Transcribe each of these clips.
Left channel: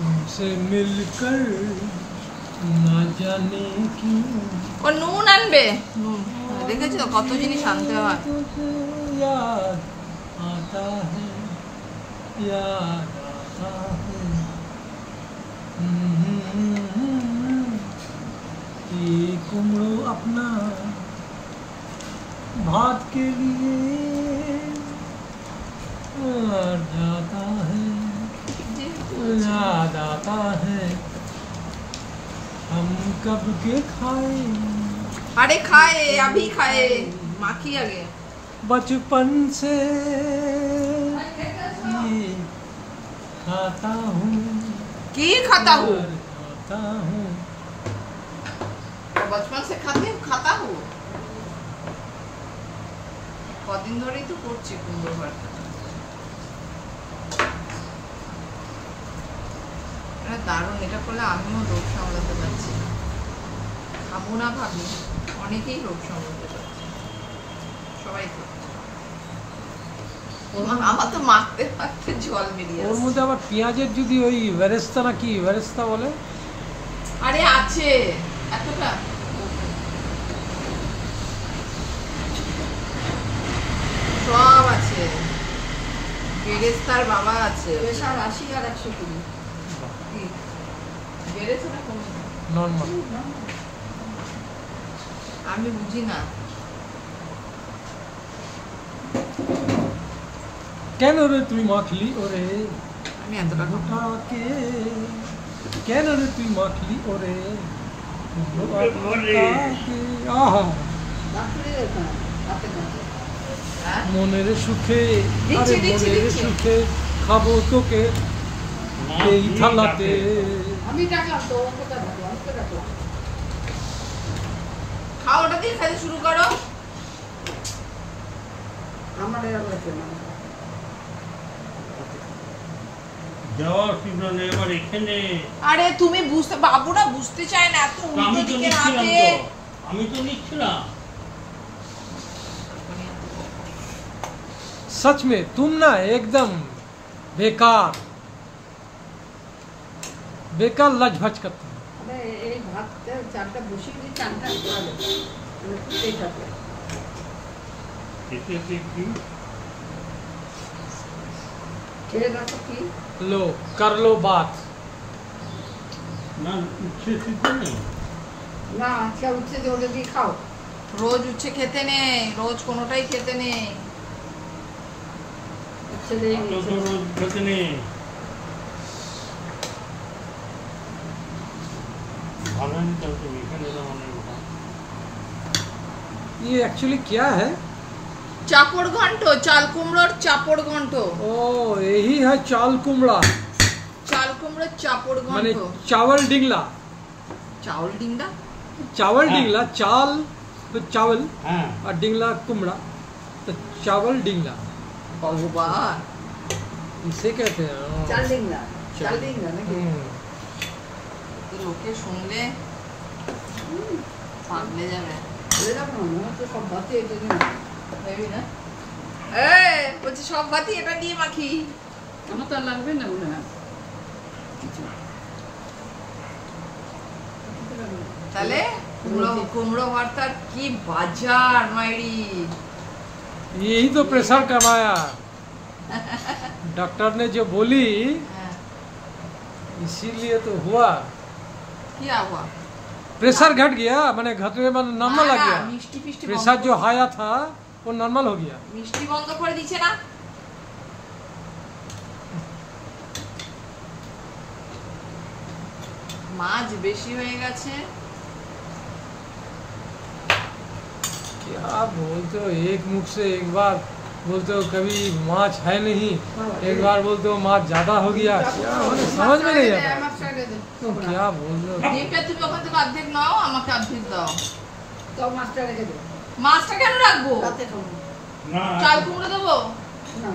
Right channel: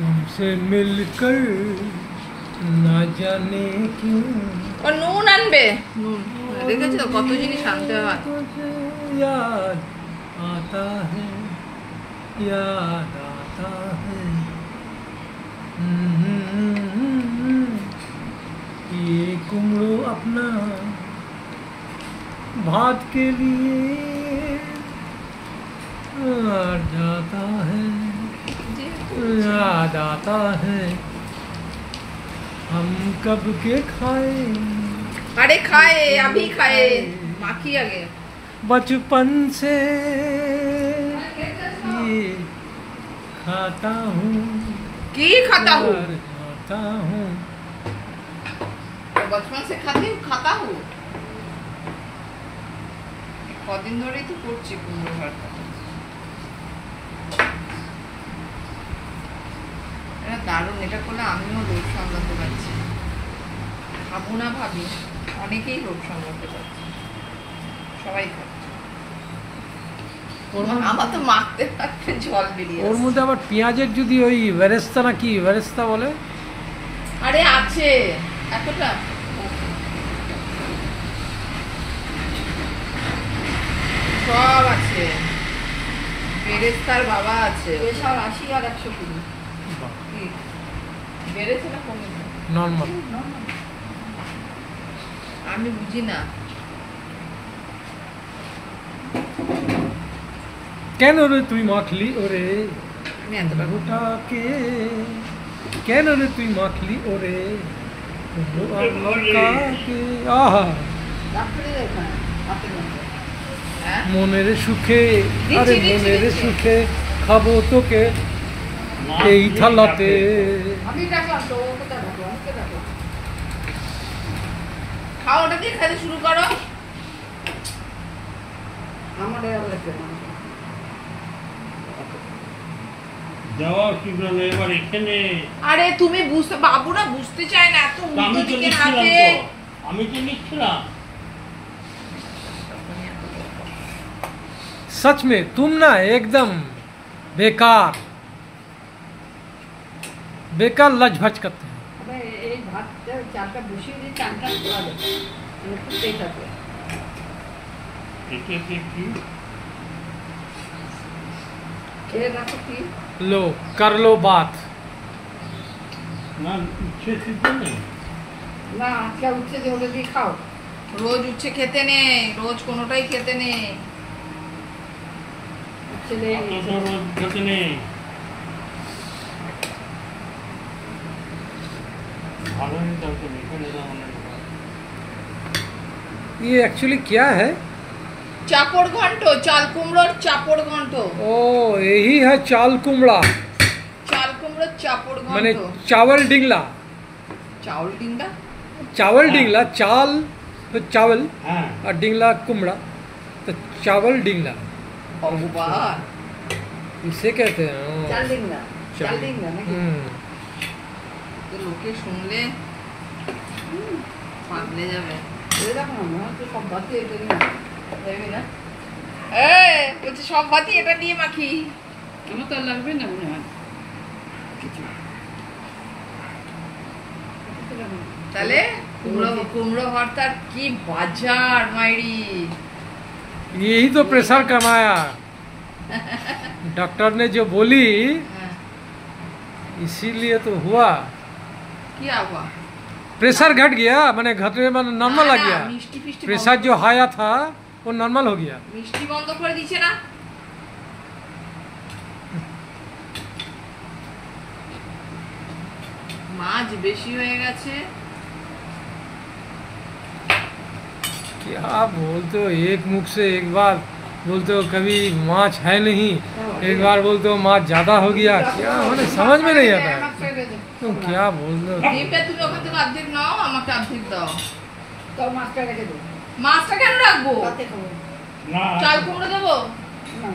तुमसे मिलकर ना जाने क्यों ও নুন আনবে নুন দেখেছো তো কত জিনিস আনতে হয় याद आता है याद आता है ये कुमड़ो अपना भात के लिए जाता है याद आता है हम कब के खाए अरे खाए अभी खाए माखी आगे बचपन से ये खाता हूँ की खाता हूँ खाता हूँ बचपन से खाता हूँ কদিন ধরেই তো করছি কুমড়ো ভর্তাটা এটা দারুণ এটা করলে আমিও লোভ সামলাতে পারছি খাবো না ভাবি অনেকেই লোভ সামলাতে পারছে সবাই খাবে আমার তো মাখতে মাখতে জল বেরিয়ে ওর মধ্যে আবার পেঁয়াজের যদি ওই বেরেস্তা না কি বেরেস্তা বলে আরে আছে এতটা সব আছে বেরেস্তার বাবা আছে ওইসব 80 আর 120 কি বেরেস্তা না কোন নরমাল আমি বুঝি না কেন রে তুই মাখলি ওরে আমি এতটা গোটাকে কেন রে তুই মাখলি ওরে আহা মনের সুখে আরে মনের সুখে খাবো তোকে এই থালাতে আমি রাখলাম তো ওটা রাখো ওটা রাখো খাও ওটা দিয়ে খেতে শুরু করো আমার এর লাগছে না যাওয়া শিখলো না এবার এখানে আরে তুমি বুঝতে বাবুরা বুঝতে চায় না এত উল্টো দিকে রাখে আমি তো নিচ্ছিলাম सच में तुम ना एकदम बेकार बेकार लजभज करते हैं अबे এই ভাতটা চালটা বসিয়ে দিয়ে চালটা ভালো একটু দেখাতে এতে কি খেয়ে দেখো কি लो कर लो बात না উচ্ছে সিদ্ধ নেই না আজকে উঠছে যে ওটা দিয়ে খাও রোজ উচ্ছে খেতে নেই রোজ কোনোটাই খেতে নেই উঠছে দিয়ে অত তো রোজ খেতে নেই ভালো নেই তো এখানে যাওয়া নেই ये एक्चुअली क्या है চাপড় ঘন্ট চাল কুমড়োর চাপড় ঘন্ট ओ यही है चाल कुमड़ा চাল কুমড়োর চাপড় मैंने ঘন্ট चावल डिंगला চাউল ডিঙ্গা चावल हाँ। डिंगला चाल तो चावल হ্যাঁ और डिंगला कुमड़ा तो चावल डिंगला ভগবান इसे कहते हैं চাল দিন না চাল দিন না নাকি তো লোকে শুনলে পাগলে যাবে এই দেখো না মনে হচ্ছে সব ভাতই এটা দিয়ে যাবি না বলছি সব ভাতই এটা দিয়ে মাখি আমার তো আর লাগবে না মনে হয় তাহলে কুমড়ো ভর্তার কি বাজার মাইরি यही तो प्रेशर कमाया डॉक्टर ने जो बोली इसीलिए तो हुआ কি আবা प्रेशर घट गया मैंने घटने में नॉर्मल आ गया মিষ্টি ফিষ্টি प्रेशर जो हाया था वो नॉर्मल हो गया মিষ্টি বন্ধ করে দিছে না মাছ বেশি হয়ে গেছে क्या बोलते हो एक मुख से एक बार बोलते हो कभी माछ है नहीं एक बार बोलते हो माछ ज्यादा हो गया क्या मैंने समझ में नहीं आता तुम क्या बोल रहे हो ডিমটা তুমি ওখান থেকে অর্ধেক নাও আমাকে অর্ধেক দাও তো মাছটা রেখে দেবো মাছটা কেন রাখবো রাতে খাবো না চাল কুমড়ো দেবো না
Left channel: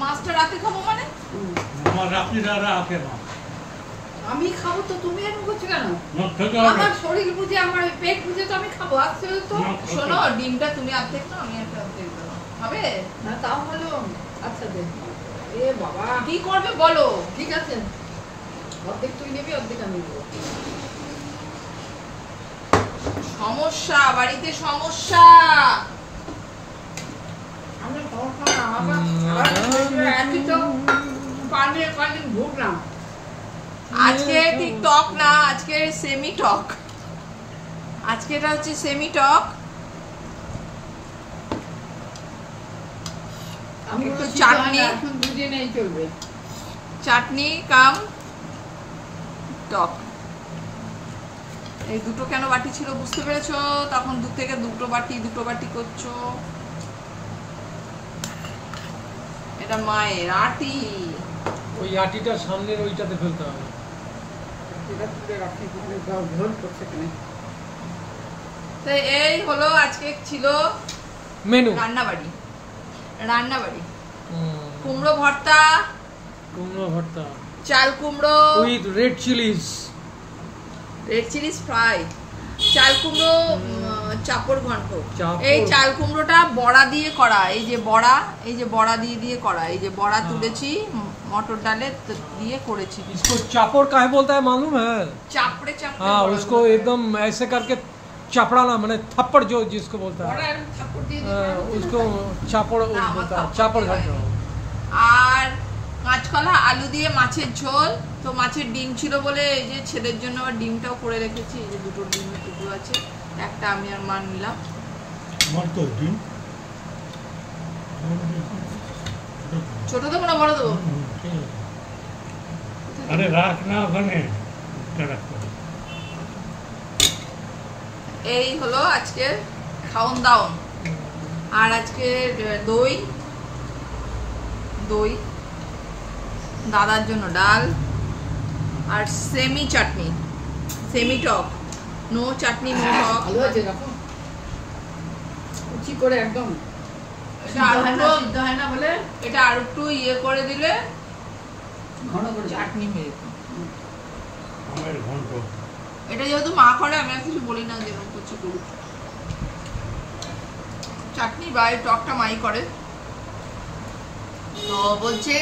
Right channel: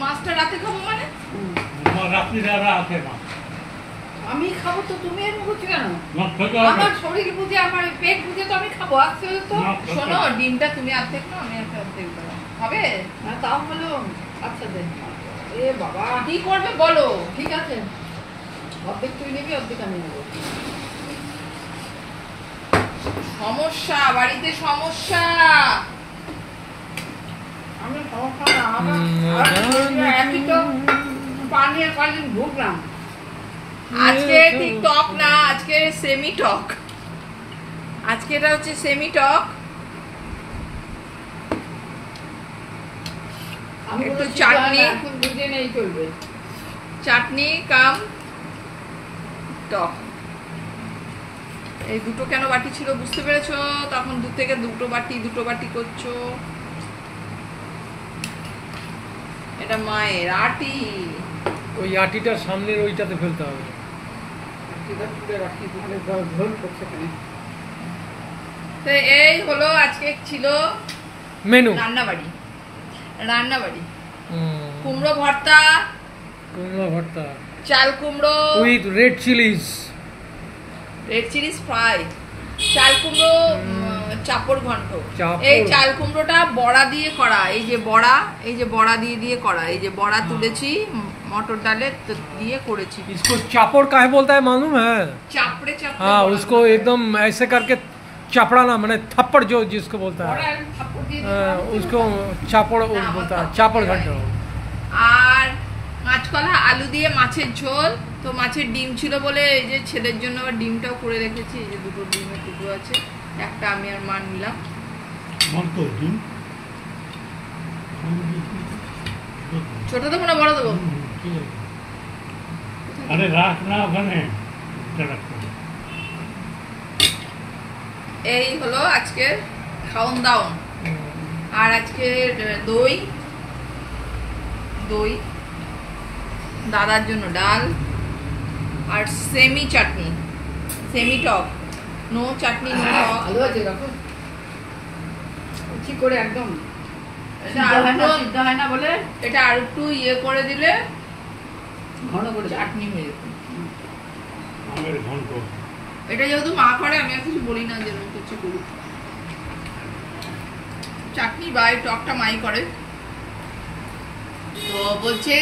মাছটা রাতে খাবো মানে আমার রাত্রি দাদা আছে না আমি খাবো তো তুমি এরকম করছো কেন না খেতে হবে আমার শরীর বুঝে আমার পেট বুঝে তো আমি খাবো আজকে তো না, শোনো ডিমটা তুমি অর্ধেক নাও আমি একটা অর্ধেক দাও হবে না তাও হলো আচ্ছা দে এ বাবা কি করবে বলো ঠিক আছে অর্ধেক তুই নিবি, অর্ধেক আমি নেবো। সমস্যা, বাড়িতে সমস্যা। আমি সমস্যা না, একই তো পানিয়ে কয়দিন ভুগলাম। আজকে ঠিক টক না, আজকে সেমি টক। আজকে এটা হচ্ছে সেমি টক। আমি একটু বলেছি, চাটনি। এখন বুঝে নেই চলবে। চাটনি কাম টক। এই দুটো কেন বাটি ছিল বুঝতে পেরেছো? তখন দু থেকে দুটো বাটি করছো। এটা মায়ের আটি। ওই আটিটার সামনের ওইটাতে ফেলতে হবে। সেটা তুলে রাখি, তাহলে ঝোল করছে কেন? তো এই হলো আজকে ছিল মেনু। রান্নাবাড়ি। কুমড়ো ভর্তা, কুমড়ো ভর্তা চাল কুমড়ো with red Chillies, red Chillies fry, চাল কুমড়ো চাপড় ঘন্ট। চাপড়। এই চাল কুমড়োটা বড়া দিয়ে করা। এই যে বড়া দিয়ে করা। এই যে বড়া তুলেছি मटर डाले तो दिए करेছি। इसको चापड़ काहे बोलता है मालूम है? चापड़े हाँ, उसको एकदम ऐसे करके चपड़ाना, मैंने थप्पड़ जो जिसको बोलता है उसको चापड़ बोलता है, चापड़ घंटा। আর কাঁচকলা আলু দিয়ে মাছের ঝোল। তো মাছের ডিম ছিল বলে এই যে ছেলের জন্য আবার ডিমটাও করে রেখেছি। এই যে দুটো ডিমের টুকরো আছে, একটা আমি আর মা নিলাম। ছোট দেবো না বড় দেবো? আরে রাখ না ওখানে। এই হলো আজকের খাওন দাওন। আর আজকে দই, দাদার জন্য ডাল, আর সেমি চাটনি, সেমি টক। নো চাটনি নো টক। ভালো আছে দেখো, কুচি করে একদম। এটা আর একটু সিদ্ধ হয় না বলে এটা আর একটু ইয়ে করে দিলে ঘন করে চাটনি হয়ে যেত। আমের ঘন্ট। এটা যেহেতু মা করে আমি আর কিছু বলি না, যেরকম কিছু করি। চাটনি বা এই টকটা মাই করে। তো বলছে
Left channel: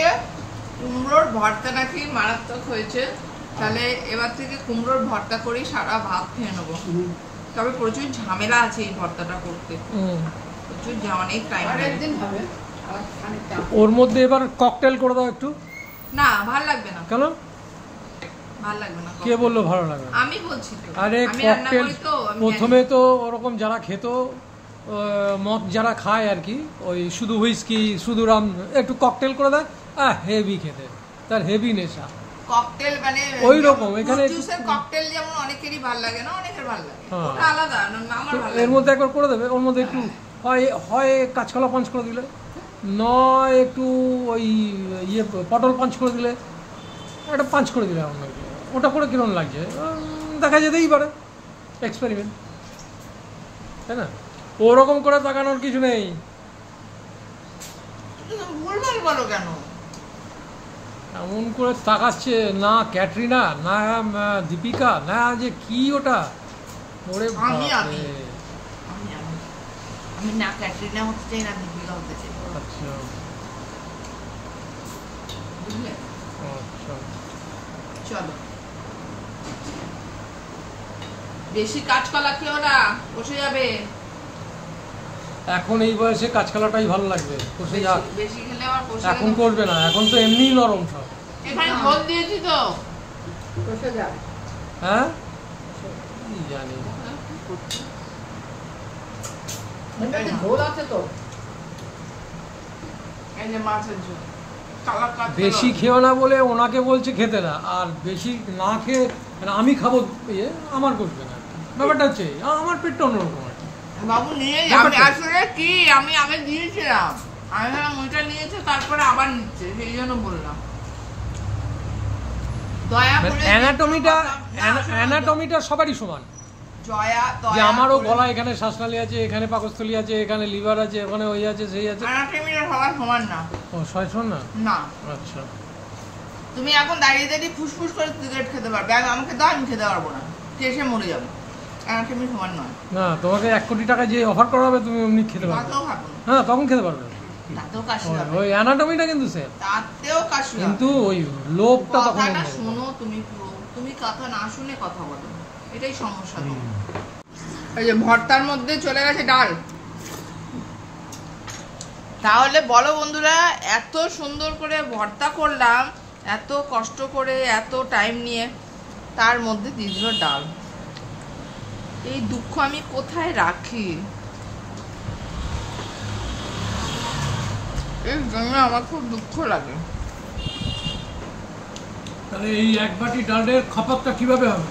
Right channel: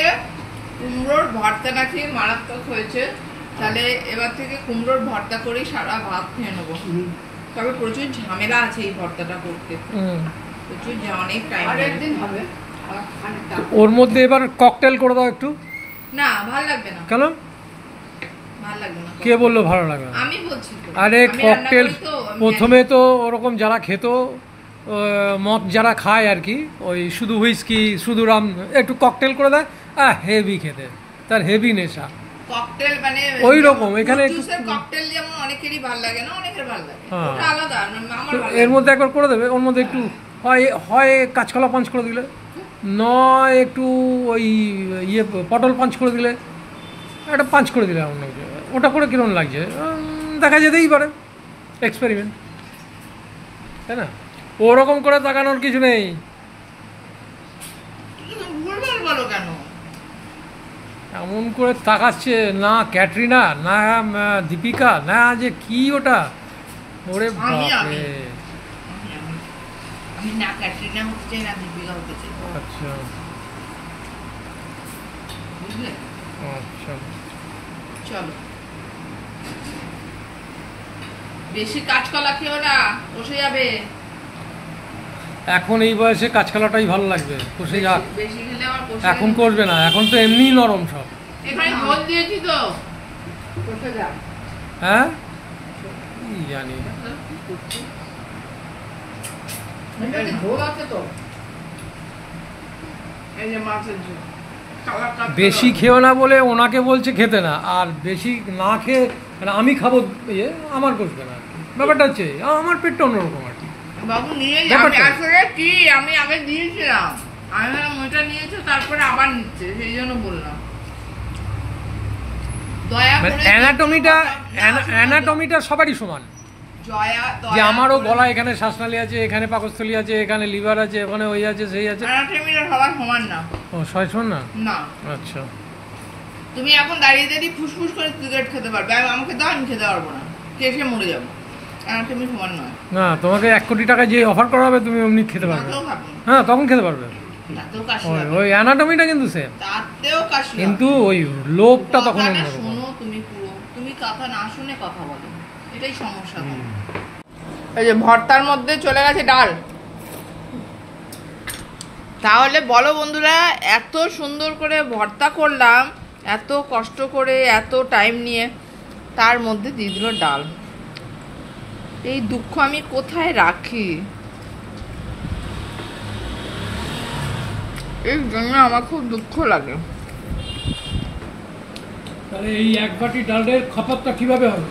কুমড়োর ভর্তা নাকি মারাত্মক হয়েছে, তাহলে এবার থেকে কুমড়োর ভর্তা করেই সারা ভাত খেয়ে নেবো। তবে প্রচুর ঝামেলা আছে এই ভর্তাটা করতে, প্রচুর অনেক টাইম। আর একদিন হবে খানিকটা। ওর মধ্যে এবার ককটেল করে দাও একটু। না ভাল লাগবে না। কেন? ভাল লাগবে না। কে বললো ভালো লাগবে না? আমি বলছি তো। আরে আমি রান্না ককটেল করি তো, আমি প্রথমে তো ওরকম যারা খেত, মদ যারা খায় আর কি, ওই শুধু হুইস্কি শুধু রাম একটু ককটেল করে দেয়, হেভি খেতে, তার হেভি নেশা। ককটেল মানে ওই রকম এখানে একটু জুসের ককটেল যেমন অনেকেরই ভালো লাগে না, অনেকের ভালো লাগে, হ্যাঁ। ওটা আলাদা। আমার তো ভালো এর লাগে। মধ্যে একবার করে দেবে, ওর মধ্যে একটু হয় কাঁচকলা পাঞ্চ করে দিলে, নয় একটু ওই ইয়ে পটল পাঞ্চ করে দিলে, একটা পাঞ্চ করে দিলে অন্য ওটা করে কিরকম লাগছে দেখা যেতেই পারে, এক্সপেরিমেন্ট, তাই না? ওরকম করে তাকানোর কিছু নেই। তুমি ভুলভাল বলো কেন? এমন করে তাকাচ্ছে না ক্যাটরিনা, না দীপিকা, না যে কি ওটা, ওরে আমি বাপরে। আমি না ক্যাটরিনা হতে চাই না দীপিকা হতে চাই, আচ্ছা বুঝলে? আচ্ছা, চলো, বেশি কাঁচকলা খেও না, বসে যাবে। এখন এই বয়সে কাঁচকলাটাই ভালো লাগবে, কষে যাক। বেশি খেলে আবার বসে এখন করবে না, এখন তো এমনিই নরম সব। এখানে ঝোল দিয়েছি তো। বসে যাও। হ্যাঁ কি জানি। কি করছি? এটাতে ঝোল আছে তো। এই যে মাছের ঝোল, কালারটা বেশি খেও না বলে ওনাকে বলছে খেতে না, আর বেশি না খেয়ে মানে আমি খাবো ইয়ে আমার কষবে না আর কি। ব্যাপারটা হচ্ছে আমার পেটটা অন্যরকম আর কি। বাবু নিয়ে ব্যাপারটা- আসলে কি আমি আগে দিয়েছিলাম, আমি ভাবলাম ওইটা নিয়েছে তারপরে আবার নিচ্ছে, সেই জন্য বললাম। দয়া মানে করে অ্যানাটমিটা সবারই সমান, জয়া যে আমারও গলা এখানে শ্বাসনালী আছে, এখানে পাকস্থলী আছে, এখানে লিভার আছে, ওখানে ওই আছে সেই আছে। অ্যানাটমিটা সবার সমান না। ও সমান না? না, আচ্ছা, তুমি এখন দাঁড়িয়ে দাঁড়িয়ে ফুসফুস করে সিগারেট খেতে পারবে, আর আমাকে দাও, আমি খেতে পারবো না, কেসে মরে যাবো। অ্যানাটমি সমান নয়। না তোমাকে 1 কোটি টাকা যে অফার করা হবে তুমি অমনি খেতে পারবে। তাতেও খাবো না, হ্যাঁ তখন খেতে পারবে। তাতেও কাশি ওই হবে, ওই অ্যানাটমিটা কিন্তু সেম, তাতেও কাশি হবে। কিন্তু ওই লোভটা তখন কথাটা অন্যরকম। শোনো তুমি কথা না শুনে কথা বলো, এটাই সমস্যা তো। এই যে ভর্তার মধ্যে চলে গেছে ডাল। তাহলে বলো বন্ধুরা, এত সুন্দর করে ভর্তা করলাম, এত কষ্ট করে, এত টাইম নিয়ে, তার মধ্যে দিয়ে দিল ডাল। এই দুঃখ আমি কোথায় রাখি? এই জন্য আমার খুব দুঃখ লাগে। তাহলে এই এক বাটি ডালের খপতটা কিভাবে হবে?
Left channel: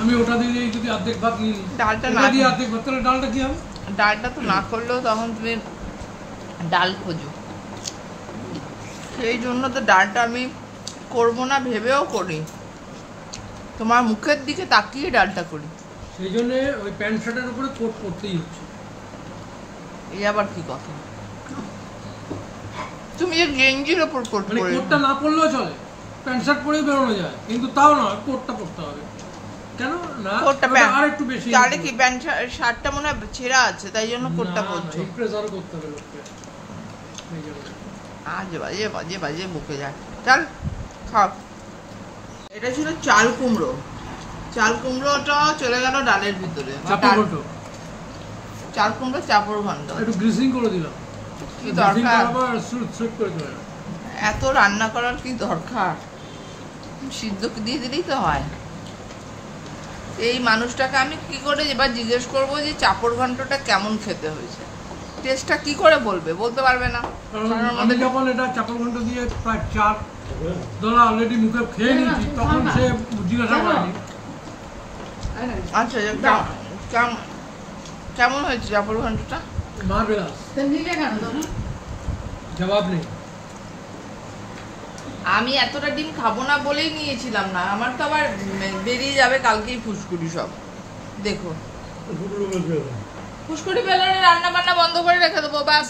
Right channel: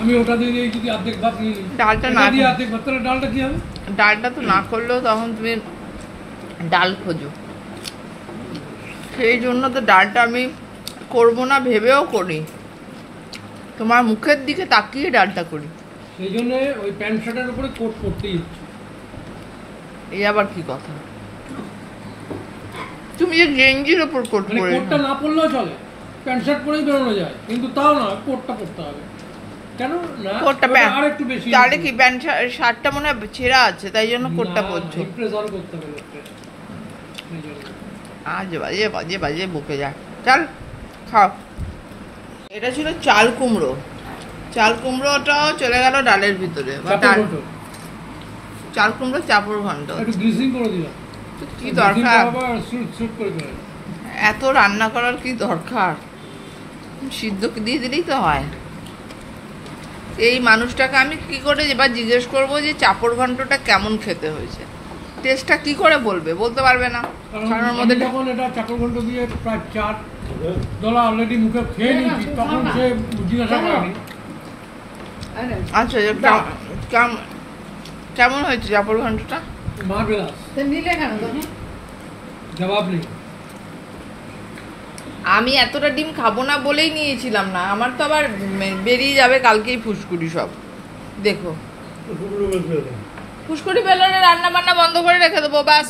আমি ওটা দিয়ে যদি অর্ধেক ভাত নিয়ে নিই, ডালটা না দিয়ে অর্ধেক ভাত, তাহলে ডালটা কি হবে? ডালটা তো না করলেও তখন তুমি ডাল খোঁজো, সেই জন্য তো ডালটা আমি করবো না ভেবেও করি, তোমার মুখের দিকে তাকিয়ে ডালটা করি। সেই জন্য ওই প্যান্ট শার্টের উপরে কোট করতেই হচ্ছে। এই আবার কি কথা? তুমি যে গেঞ্জির ওপর কোট মানে পরে, কোটটা না পরলেও চলে, প্যান্ট শার্ট পরেই বেরোনো যায়, কিন্তু তাও না, কোটটা পরতে হবে। কেন না? কোটটা আর একটু বেশি, তাহলে কি প্যান্ট শার্টটা মনে হয় ছেঁড়া আছে, তাই জন্য কোটটা পরছো? প্রেসার করতে হবে লোককে, সেই জন্য। আজে বাজে বাজে বাজে বকে যায়। চল খাও। এটা ছিল চাল কুমড়ো। চাল কুমড়োটাও চলে গেল ডালের ভিতরে। চাপড় ঘন্ট, চাল কুমড়ো চাপড় ঘন্ট। একটু গ্রিসিং করে দিলাম, কি দরকার? আবার শুট শুট করে চলে গেল। এত রান্না করার কি দরকার? সিদ্ধ দিয়ে দিলেই তো হয়। এই মানুষটাকে আমি কি করে এবার জিজ্ঞেস করবো যে চাপড় ঘন্টটা কেমন খেতে হয়েছে? টেস্টটা কি করে বলবে? বলতে পারবে না। কারণ ওর মধ্যে যখন এটা চাপড় ঘন্ট দিয়ে প্রায় 4 দলা অলরেডি মুখে খেয়ে নিয়েছি, তখন সে জিজ্ঞাসা করেনি। আচ্ছা, কেমন হয়েছে চাপড় ঘন্টটা? মার্ভেলাস, তো নিলে কেন তুমি? জবাব নেই। আমি এতটা ডিম খাবো না বলেই নিয়েছিলাম না, আমার তো আবার বেরিয়ে যাবে কালকেই ফুসকুড়ি সব। দেখো ফুসকুড়ি বেলনে রান্না বান্না বন্ধ করে রেখে দেবো, বাস।